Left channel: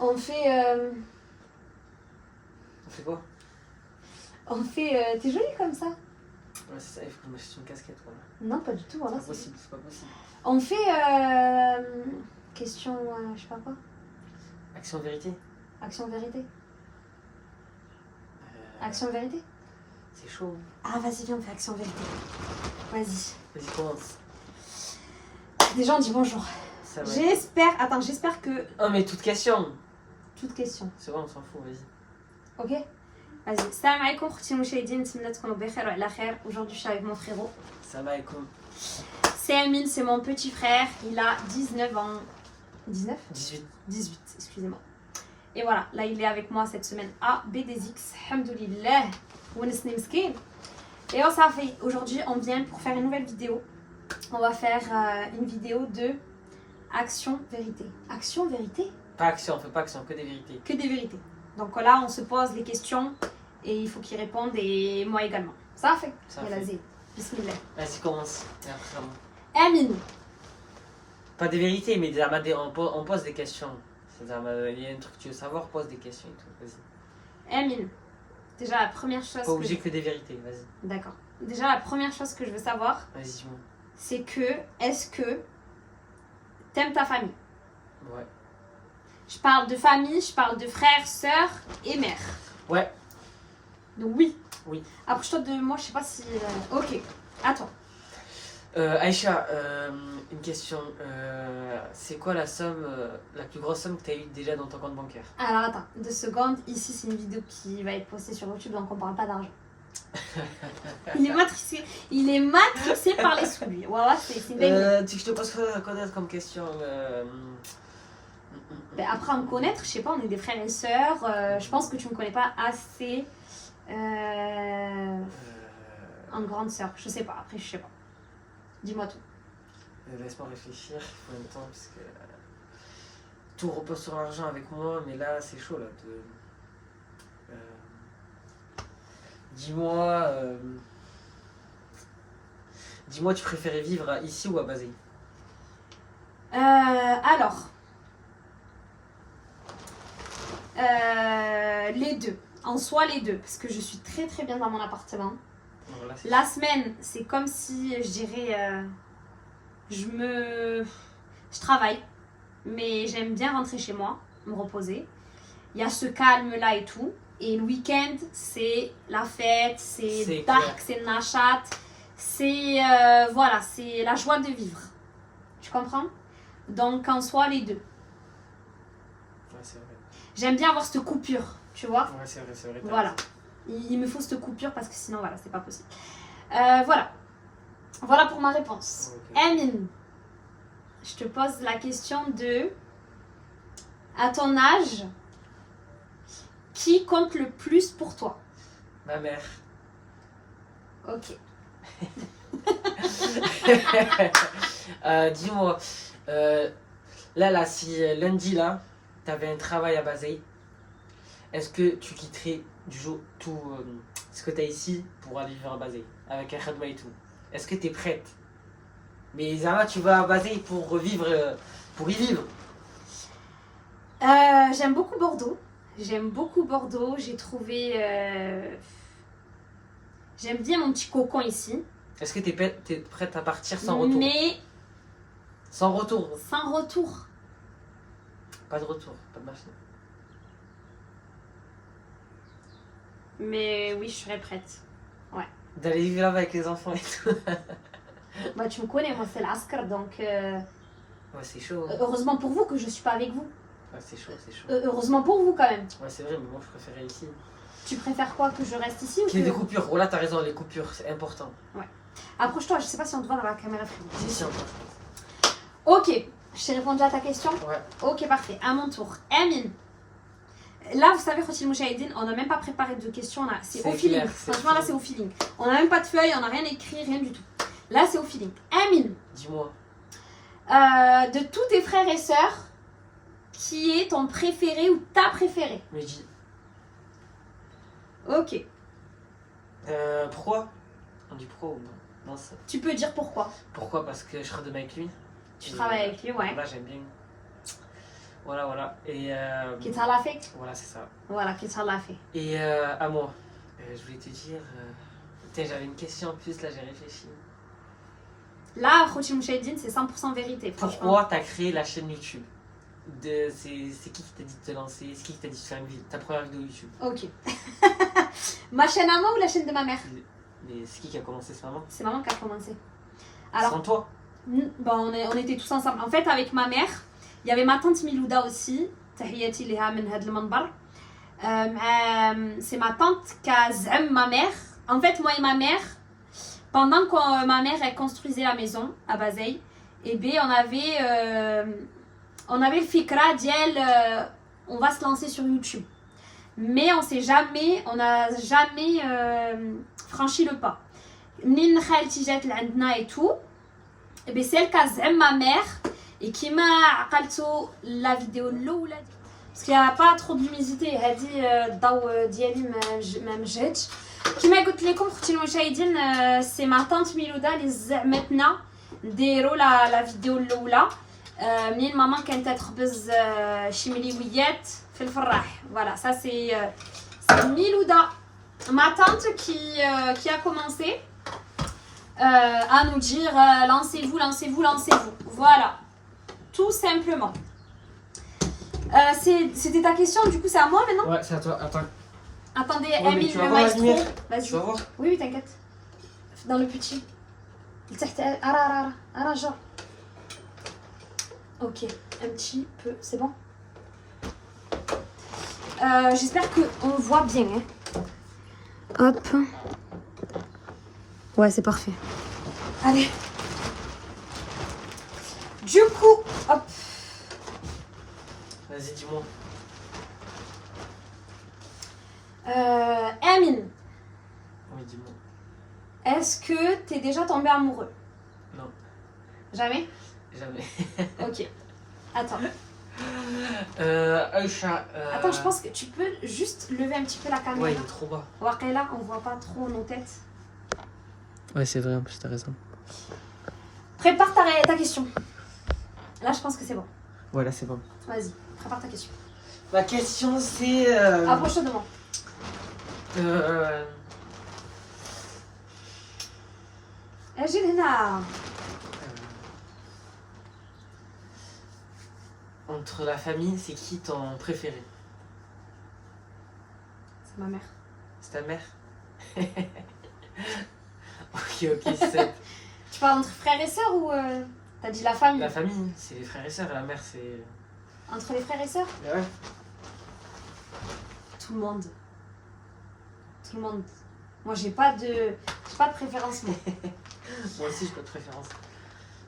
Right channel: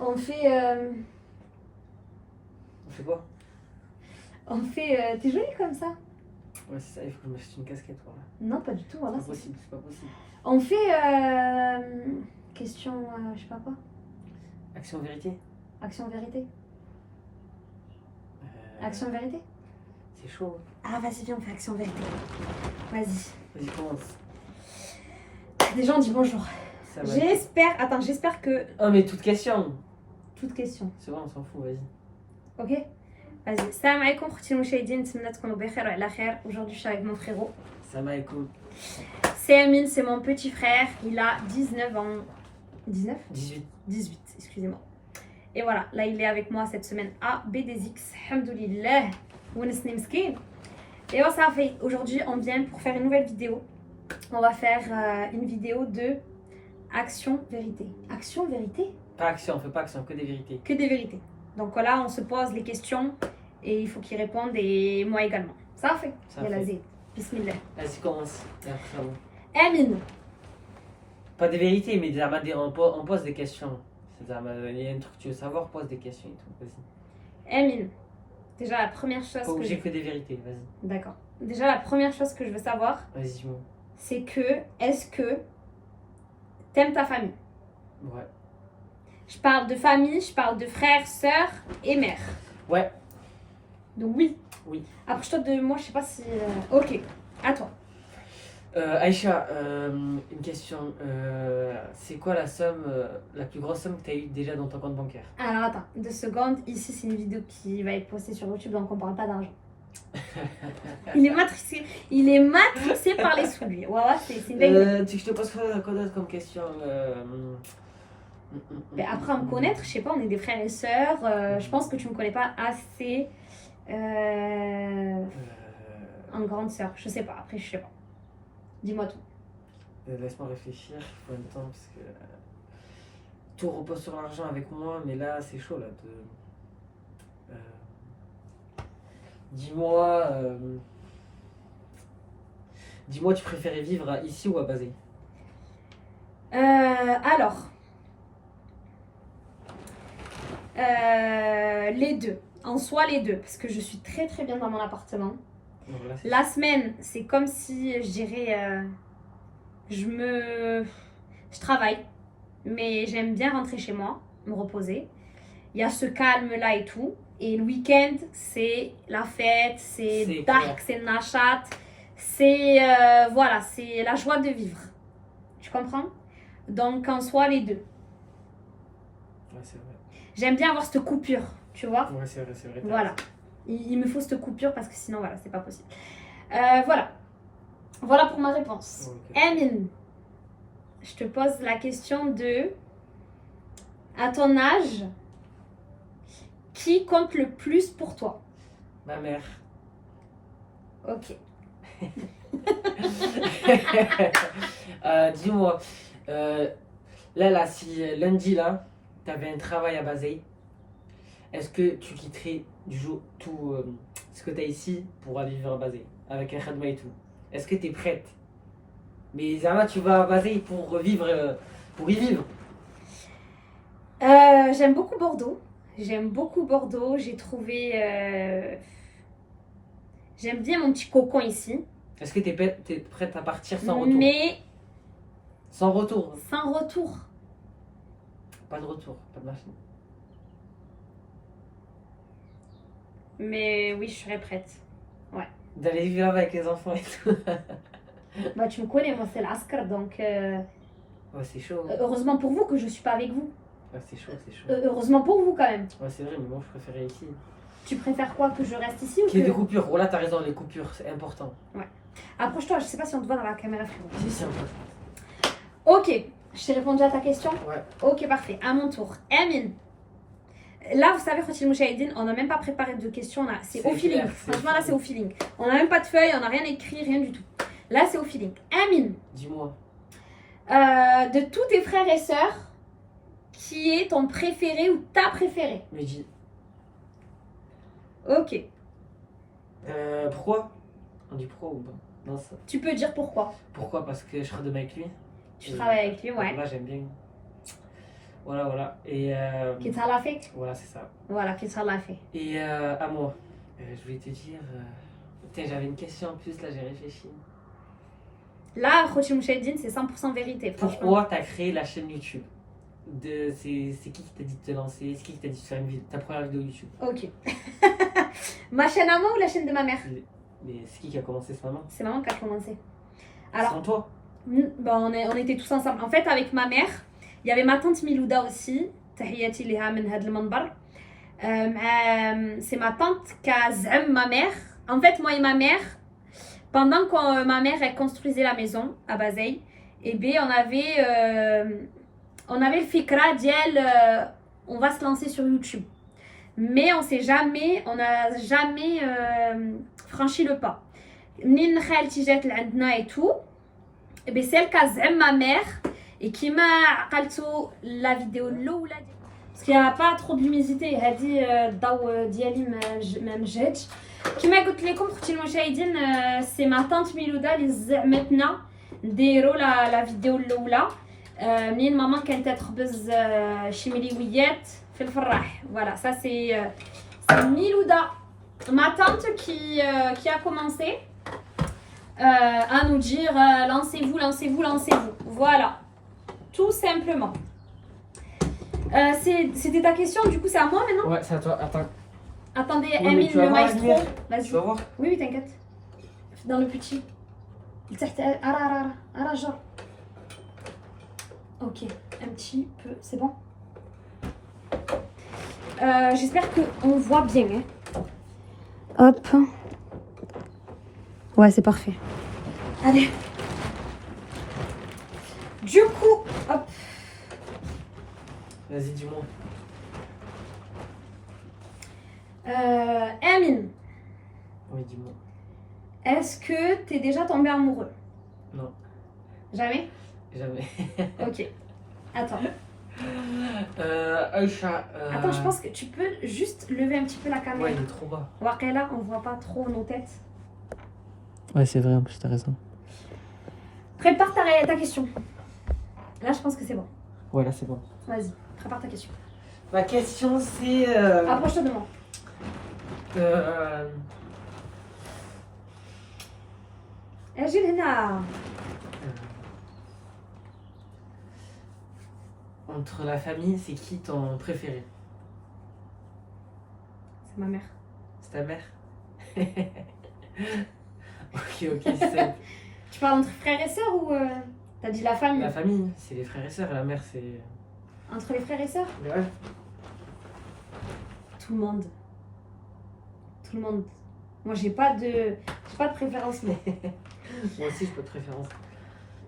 On fait... On fait quoi? On fait... T'es jolie comme ça. Ouais, c'est ça, il faut que je m'achète une casquette. Voilà. Non, pas du tout. Voilà, C'est pas possible, c'est pas possible. On fait... question... je sais pas quoi. Action vérité? Action vérité. Euh, Action vérité. C'est chaud. Ah, vas-y, viens, on fait action vérité. Vas-y. Vas-y, commence. Déjà, on dit bonjour. Ça va. J'espère... Attends, j'espère que... Oh, mais toute question. Toute question. C'est bon, on s'en fout, vas-y. Ok. Vas-y. Salam alaikum, khouti mouchahidine, nتمنى تكونوا بخير وعلى خير. Aujourd'hui, je suis avec mon frérot. Ça va, écoute. C'est Amine, c'est mon petit frère. Il a 19 ans. 19 18. 18, excusez-moi. Et voilà, là, il est avec moi cette semaine à BDX. Alhamdoulilah. Ounesni mskin. Et on ça fait. Aujourd'hui, on vient pour faire une nouvelle vidéo. On va faire une vidéo de action vérité. Action vérité? Pas action, on fait pas action, que des vérités. Que des vérités. Donc là, on se pose les questions et il faut qu'ils répondent et moi également. Ça fait. Ça Yalla fait. zid. Bismillah. Vas-y, commence. Et après, ça va. Amine. Pas des vérités, mais on pose des questions. C'est-à-dire, il y a un truc que tu veux savoir, pose des questions et tout. Vas-y. Amine. Déjà, la première chose Pas obligé que des vérités, vas-y. D'accord. Déjà, la première chose que je veux savoir, Vas-y, dis-moi. c'est que, est-ce que t'aimes ta famille? Ouais. Je parle de famille, je parle de frères, sœurs et mères. Ouais. Donc oui. Oui. Approche-toi de moi, je sais pas si... Ok, à toi. Aïcha, une question. C'est quoi la somme, la plus grosse somme que tu as eue déjà dans ton compte bancaire? Alors attends, 2 secondes. Ici, c'est une vidéo qui va être postée sur YouTube, donc on parle pas d'argent. Il est matrixé par les sous, lui. Voilà, c'est une dinguerie. Tu veux que je te pose quoi d'autre comme question? Mais après, à me connaître, je sais pas, on est des frères et sœurs. Je pense que tu me connais pas assez en grande sœur. Je sais pas, après, je sais pas. Dis-moi tout. Laisse-moi réfléchir, il faut un temps parce que tout repose sur l'argent avec moi, mais là c'est chaud là. Dis-moi, dis-moi, tu préférais vivre ici ou à Basel? Alors, les deux. En soi, les deux. Parce que je suis très très bien dans mon appartement. Voilà, La semaine, c'est comme si, je dirais, je travaille. Mais j'aime bien rentrer chez moi, me reposer. Il y a ce calme-là et tout. Et le week-end, c'est la fête, c'est dark, c'est nachat. C'est, voilà, c'est la joie de vivre. Tu comprends? Donc, en soi, les deux. Ouais, c'est vrai. J'aime bien avoir cette coupure, tu vois. Ouais, c'est vrai, c'est vrai. Voilà. Il me faut cette coupure parce que sinon, voilà, c'est pas possible. Voilà. Voilà pour ma réponse. Okay. Amine, je te pose la question de... À ton âge, qui compte le plus pour toi? Ma mère. Ok. Dis-moi, là, si lundi, là, tu avais un travail à Basel, est-ce que tu quitterais du jour tout ce que tu as ici pour aller vivre à Basel, avec un khadma et tout? Est-ce que tu es prête? Mais Zama, tu vas à Basel pour vivre, pour y vivre. J'aime beaucoup Bordeaux. J'aime beaucoup Bordeaux. J'ai trouvé... J'aime bien mon petit cocon ici. Est-ce que tu es prête à partir sans retour? Mais... Sans retour? Sans retour. Pas de retour, pas de machine. Mais oui, je serais prête. Ouais. D'aller vivre là-bas avec les enfants et tout. Bah, tu me connais, moi c'est l'Askar, donc... Ouais, c'est chaud. Hein. Heureusement pour vous que je suis pas avec vous. Ouais, c'est chaud, c'est chaud. Heureusement pour vous quand même. Ouais, c'est vrai, mais moi je préférais ici. Tu préfères quoi, que je reste ici ou Qu'il y ait que... des coupures. Voilà, t'as raison, les coupures, c'est important. Ouais. Approche-toi, je sais pas si on te voit dans la caméra frérot. Si, si, on peut. Ok, je t'ai répondu à ta question. Ouais. Ok, parfait. À mon tour. Amine. Là, vous savez, Khotil Mouchahidine, on n'a même pas préparé de questions là. C'est au feeling. clair, Franchement, là, c'est au feeling. On n'a même pas de feuille, on n'a rien écrit, rien du tout. Là, c'est au feeling. Amine. Dis-moi. De tous tes frères et sœurs, qui est ton préféré ou ta préférée? Mehdi. Ok. Pourquoi? On dit pourquoi ou non? Non, ça. Tu peux dire pourquoi. Pourquoi? Parce que je serai demain avec lui. Tu travailles avec lui, ouais. Là, j'aime bien. Voilà. Et Qui t'a la fait. voilà, c'est ça. Voilà, qui t'a la fait. Et à moi, je voulais te dire. Putain, j'avais une question en plus, là, j'ai réfléchi. Là, Khouti Mouchedine, c'est 100% vérité, franchement. Pourquoi t'as créé la chaîne YouTube? C'est qui t'a dit de te lancer? C'est qui t'a dit de faire ta première vidéo YouTube? Ok. Ma chaîne à moi ou la chaîne de ma mère? Mais c'est qui a commencé ce moment? C'est maman qui a commencé. Alors, sans toi? on était tous ensemble. En fait, avec ma mère, il y avait ma tante Milouda aussi. تحياتي لها من هذا المنبر. C'est ma tante qui a z'am ma mère. En fait, moi et ma mère, pendant que ma mère elle construisait la maison à Bazeille, et bien on avait le fikra d'elle, on va se lancer sur YouTube. Mais on n'a jamais franchi le pas. منين خالتي جات لعندنا et tout, et bien celle qui a z'am ma mère et qui m'a عقلتو la vidéo الاولى parce qu'il n'y a pas trop de luminosité. هذه الضوء ديالي ما مجهدش. كما قلت لكم اختي المشاهدين، سي ما طونط ميلودا اللي زعمتنا نديروا لا فيديو الاولى منين ماما كانت تخبز شي مليويات في الفراح. فوالا ça c'est Milouda, ma tante qui a commencé à nous dire lancez-vous. Voilà, tout simplement. C'était ta question, du coup c'est à moi maintenant. Ouais, c'est à toi, attends. Attendez, Oui, Amine, tu vas le voir la maestro. lumière. Vas-y. Tu vas voir? Oui, t'inquiète. Dans le petit. تحت ara genre. Ok, un petit peu, c'est bon. J'espère qu'on voit bien. Hein. Hop. Ouais, c'est parfait. Allez. Du coup, hop. Vas-y, dis-moi. Amine, Oui, dis-moi. est-ce que t'es déjà tombé amoureux? Non. Jamais? Jamais. Ok. Attends. Aïcha. Attends, je pense que tu peux juste lever un petit peu la caméra. Ouais, il est trop bas. Waqela, on voit pas trop nos têtes. Ouais, c'est vrai, en plus, t'as raison. Prépare ta question. Là, je pense que c'est bon. Ouais, là, c'est bon. Vas-y, prépare ta question. Ma question, c'est. Approche-toi de moi. Agile هنا. Entre la famille, c'est qui ton préféré? C'est ma mère. C'est ta mère? Ok, c'est. Tu parles entre frères et sœurs ou t'as dit la famille? La famille, c'est les frères et sœurs. La mère, c'est. Entre les frères et sœurs? Ouais. Tout le monde. Tout le monde. Moi, j'ai pas de préférence. Moi. Moi aussi, je peux de préférence.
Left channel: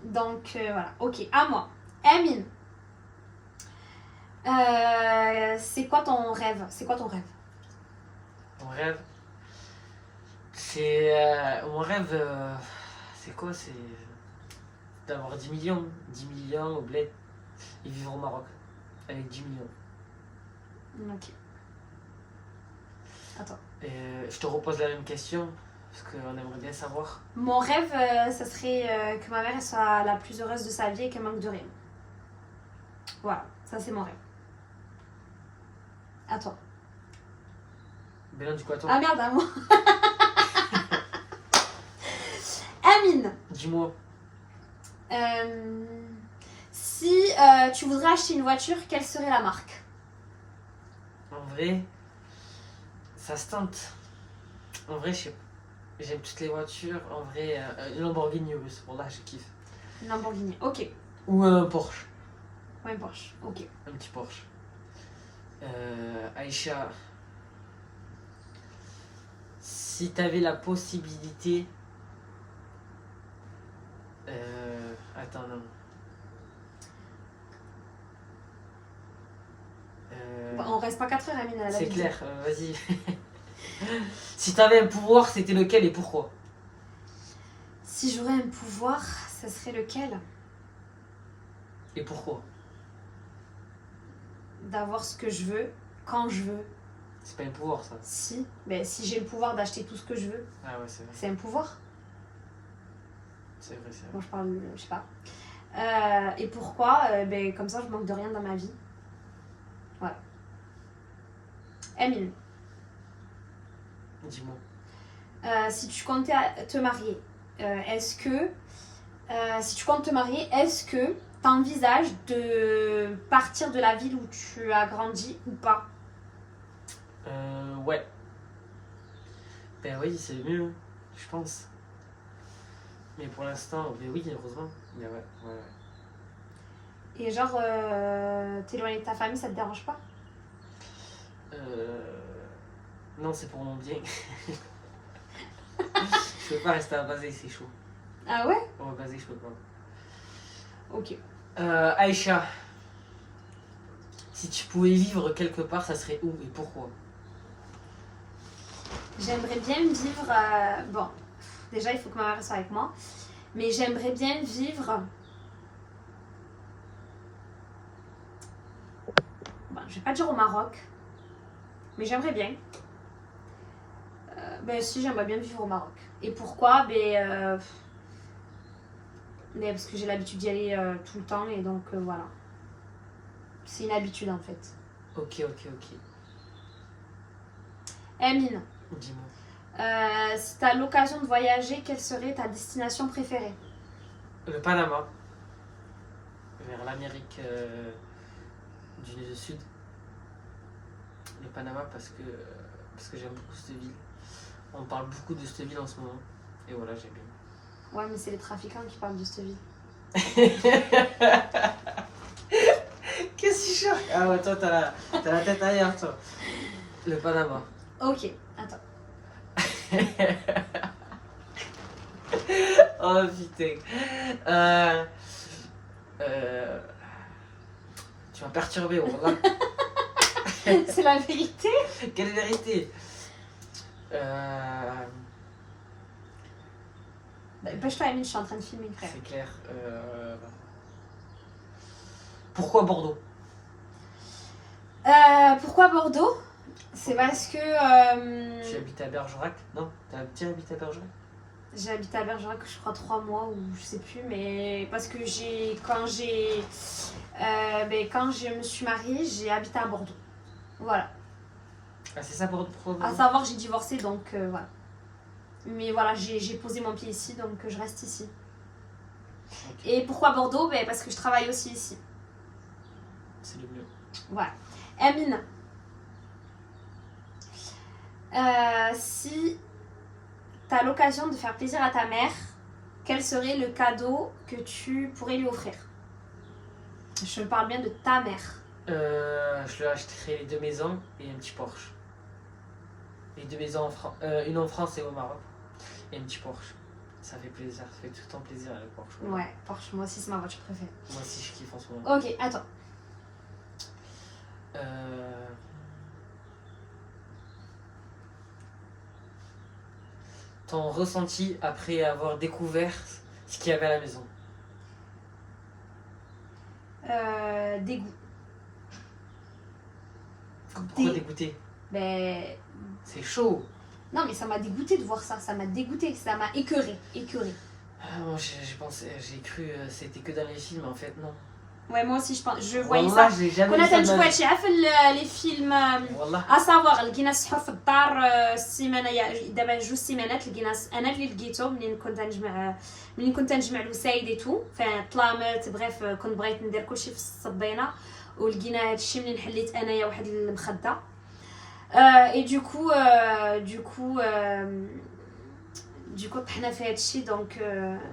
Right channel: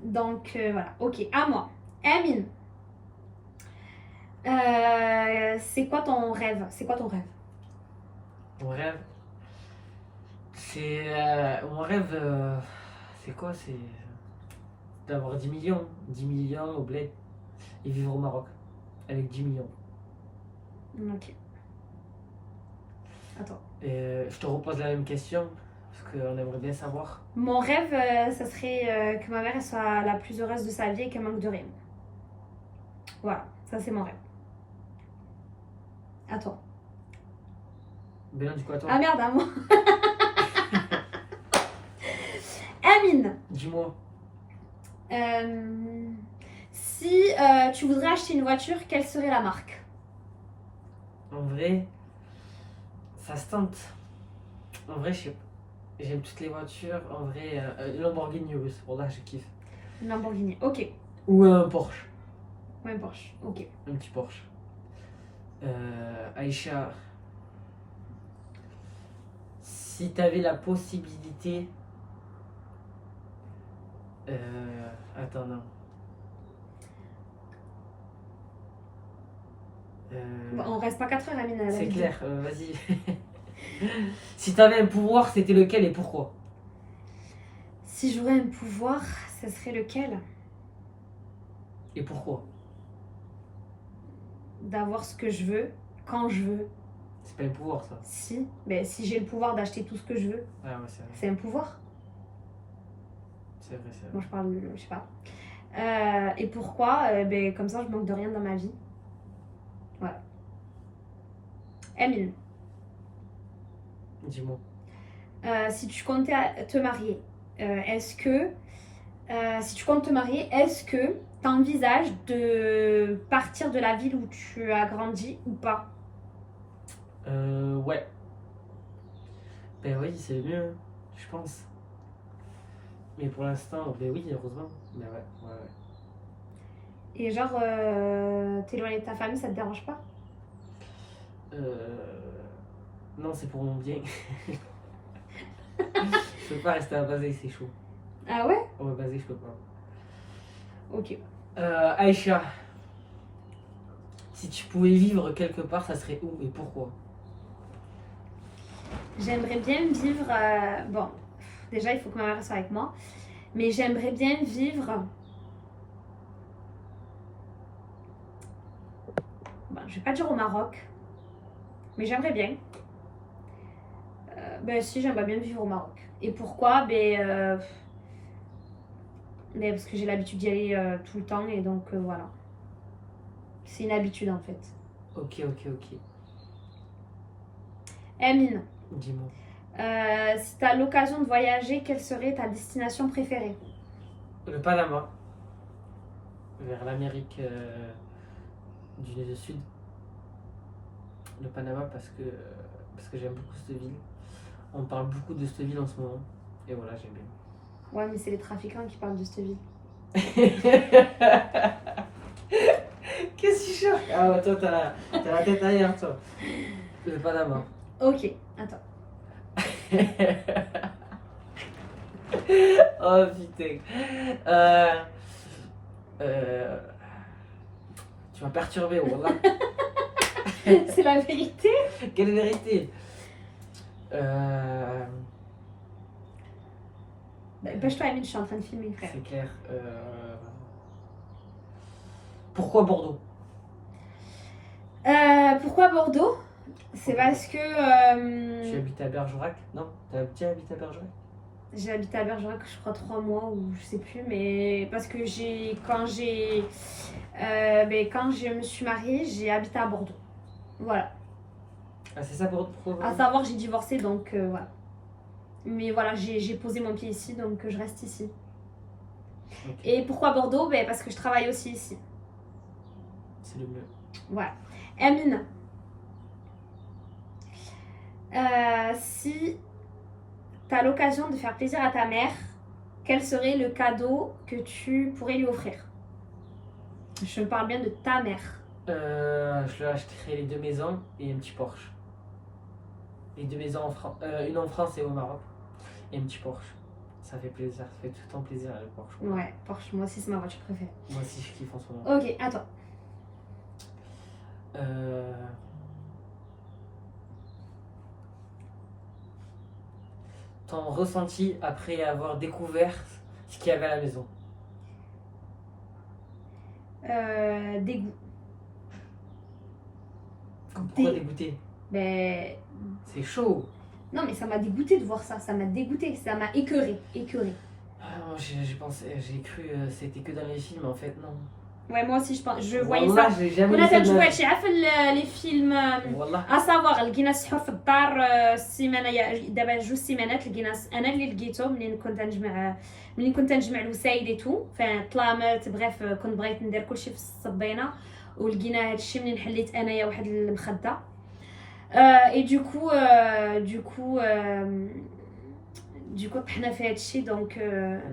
Donc, voilà. Ok, à moi. Amine. C'est quoi ton rêve? Mon rêve, c'est. Mon rêve, c'est quoi? C'est d'avoir 10 millions. 10 millions au bled et vivre au Maroc avec 10 millions. Ok. Attends. Je te repose la même question parce qu'on aimerait bien savoir. Mon rêve, ça serait que ma mère elle soit la plus heureuse de sa vie et qu'elle manque de rien. Voilà, ça c'est mon rêve. À toi. Ben non, du coup, attends. Ah merde, à moi. Amine. Dis-moi. Si tu voudrais acheter une voiture, quelle serait la marque? En vrai, ça se tente. En vrai, j'aime toutes les voitures. En vrai, Lamborghini russe, pour là, je kiffe. Lamborghini, ok. Ou un Porsche. Ouais, Porsche, ok. Un petit Porsche. Aïcha, si tu avais la possibilité. Attends, non. Bah, on reste pas 4 heures, Amine, à la C'est vidéo. clair, vas-y. Si tu avais un pouvoir, c'était lequel et pourquoi? Si j'aurais un pouvoir, ça serait lequel? Et pourquoi? D'avoir ce que je veux, quand je veux. C'est pas un pouvoir, ça. Si, mais si j'ai le pouvoir d'acheter tout ce que je veux, Ah ouais, c'est vrai. c'est un pouvoir. C'est vrai, c'est vrai. Moi, je parle, je sais pas. Et pourquoi? Ben, comme ça, je manque de rien dans ma vie. Amine, Dis-moi. si tu comptais te marier, si tu comptes te marier, est-ce que tu envisages de partir de la ville où tu as grandi ou pas? Ouais. Ben oui, c'est mieux, je pense. Mais pour l'instant, ben oui, heureusement. Mais ouais, ouais, ouais. Et genre, t'éloigner de ta famille, ça te dérange pas? Non, c'est pour mon bien. Je peux pas rester à Basé, c'est chaud. Ah ouais? Oh, Basé, je peux pas. Ok. Aïcha, si tu pouvais vivre quelque part, ça serait où et pourquoi? J'aimerais bien vivre. Bon, déjà, il faut que ma mère soit avec moi. Mais j'aimerais bien vivre. Bon, je vais pas dire au Maroc. Mais j'aimerais bien. Ben si, j'aimerais bien vivre au Maroc. Et pourquoi? Mais parce que j'ai l'habitude d'y aller tout le temps. Et donc, voilà. C'est une habitude, en fait. Ok, ok, ok. Amine, Dis-moi. si tu as l'occasion de voyager, quelle serait ta destination préférée? Le Panama, vers l'Amérique du Sud. Le Panama parce que j'aime beaucoup cette ville. On parle beaucoup de cette ville en ce moment. Et voilà, j'aime bien. Ouais, mais c'est les trafiquants qui parlent de cette ville. Qu'est-ce que tu cherches? Ah ouais, toi, t'as la tête ailleurs, toi. Le Panama. Ok, attends. Oh putain. Tu m'as perturbé, wallah. C'est la vérité. Quelle vérité? Dépêche-toi, Amine, je suis en train de filmer, frère. C'est clair. Pourquoi Bordeaux? Pourquoi Bordeaux? C'est parce que Tu habites à Bergerac? Non? T'as déjà habité à Bergerac? j'ai habité à Bergerac, je crois 3 mois ou je sais plus, mais parce que quand je me suis mariée, j'ai habité à Bordeaux. Voilà. Ah, c'est ça Bordeaux? Pourquoi À Bordeaux? savoir, j'ai divorcé, donc voilà. Mais voilà, j'ai posé mon pied ici, donc je reste ici. Ok. Et pourquoi Bordeaux? Parce que je travaille aussi ici. C'est le mieux. Voilà. Amine, si tu as l'occasion de faire plaisir à ta mère, quel serait le cadeau que tu pourrais lui offrir? Je me parle bien de ta mère. Je lui achèterai les 2 maisons et un petit Porsche. Les 2 maisons une en France et au Maroc. Et un petit Porsche. Ça fait plaisir, ça fait tout le temps plaisir le Porsche. Ouais, Porsche, moi aussi c'est ma voiture préférée. Moi aussi je kiffe en ce moment. Ok, attends. Ton ressenti après avoir découvert ce qu'il y avait à la maison? Dégoût. Pourquoi dégoûté? Ben, C'est chaud. non, mais ça m'a dégoûté de voir ça. Ça m'a dégoûté. Ça m'a écœuré. Moi j'ai cru c'était que dans les films en fait, non. Ouais, moi aussi je voyais Wallah, ça. j'ai jamais كنا vu ça de تنشوفوا ma vie. هادشي في les films Wallah. اسافوغ لقينا السحور في الدار السيمانه دابا 2 سيمانات لقينا انا اللي لقيته منين كنت نجمع الوسايد اي تو فطلامت بريف كنت بغيت ندير كلشي في الصبينه ولقينا هادشي منين حليت انايا واحد المخده اي دوكو طحنا في هادشي دونك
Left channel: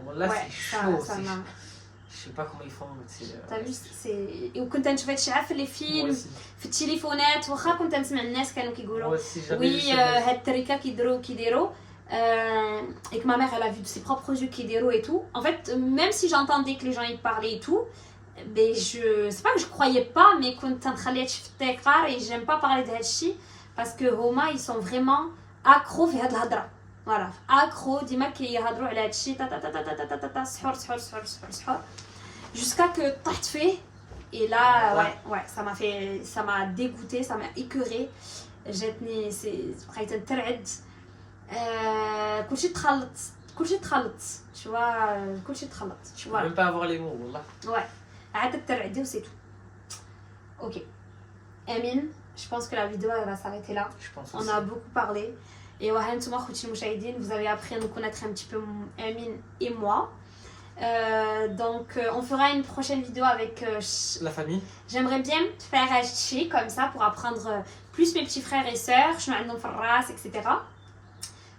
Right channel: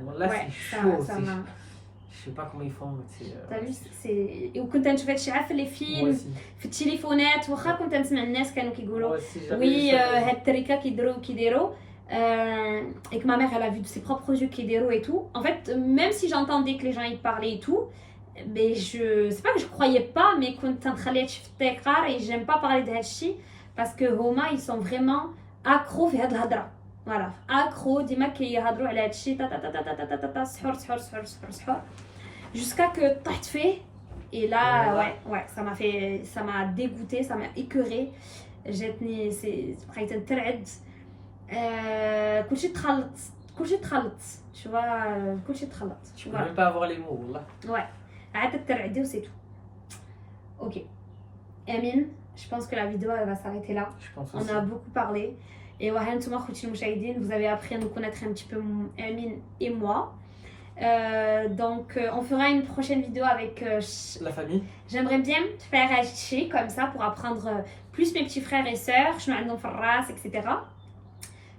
Wallah, ouais, c'est chaud. ça m'a. Je sais pas comment ils font. T'as vu, وكنت نشوف هادشي عارف في لي Moi فيلم aussi. في التليفونات واخا كنت نسمع الناس كانوا كيقولوا Moi aussi, jamais وي vu ça. هاد التركه كيديروا et que ma mère elle a vu de ses propres yeux كيديروا et tout. En fait, même si j'entendais que les gens y parlaient et tout, mais c'est pas que je croyais pas, mais كنت نخلي هادشي في التيقار et j'aime pas parler de هادشي parce que هما ils sont vraiment accro في هاد الهضره. Voilà, accro ديما كيهضروا على هادشي تا تا تا تا تا تا سحور jusqu'à que طحت فيه. Et là, ouais, ça m'a dégoûté, ça m'a écœuré. جاتني بقيت نترعد. كلشي تخلط tu vois, كلشي تخلط tu Je peux vois. même pas avoir les mots, wallah. Ouais, عاد ترعدي وسي تو. OK. Amine, je pense que la vidéo elle va s'arrêter là. Je pense On aussi. a beaucoup parlé. Et vous avez appris à nous connaître un petit peu, Amine et moi. Donc, on fera une prochaine vidéo avec La famille. j'aimerais bien faire un chi comme ça pour apprendre plus mes petits frères et sœurs, etc.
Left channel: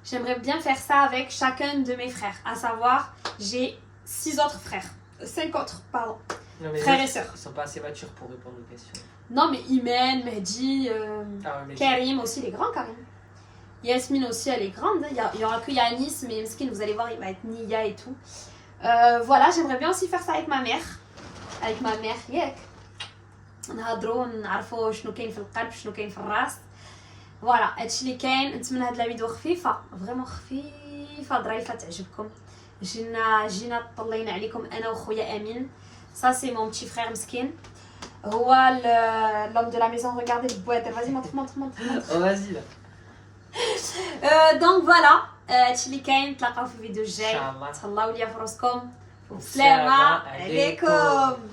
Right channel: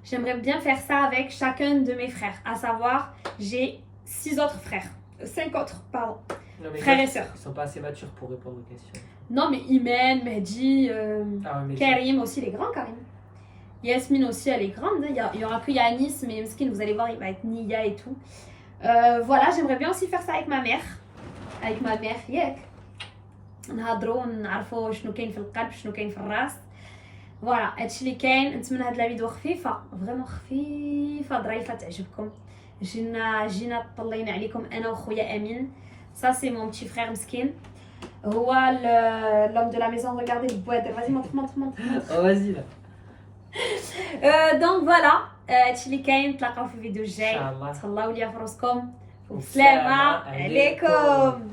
J'aimerais bien faire ça avec chacun de mes frères. À savoir, j'ai 6 autres frères. 5 autres, pardon. Non, mais Frères là, et sœurs. Ils sont pas assez matures pour répondre aux questions. Non, mais Imen, Mehdi, Ah, mais Karim aussi, il est grand, Karim. Yasmine aussi, elle est grande. Hein. Il y aura que Yanis, mais Mskin, vous allez voir, il va être Nia et tout. Voilà, j'aimerais bien aussi faire ça avec ma mère. Avec ma mère, ياك. نهضروا نعرفوا شنو كاين في القلب شنو كاين في الراس. فوالا هادشي اللي كاين. نتمنى هاد لا فيديو خفيفه فريمون خفيفه ظريفه تعجبكم. جينا طلينا عليكم انا وخويا امين. Ça c'est mon petit frère مسكين. هو l'homme de la maison. Regardez le boîte. Vas-y montre. Oh, vas-y là. دونك فوالا هادشي اللي كاين. نتلاقاو في الفيديو الجاي. إن شاء الله. تهلاو ليا في راسكم والسلام والسلام عليكم. عليكم.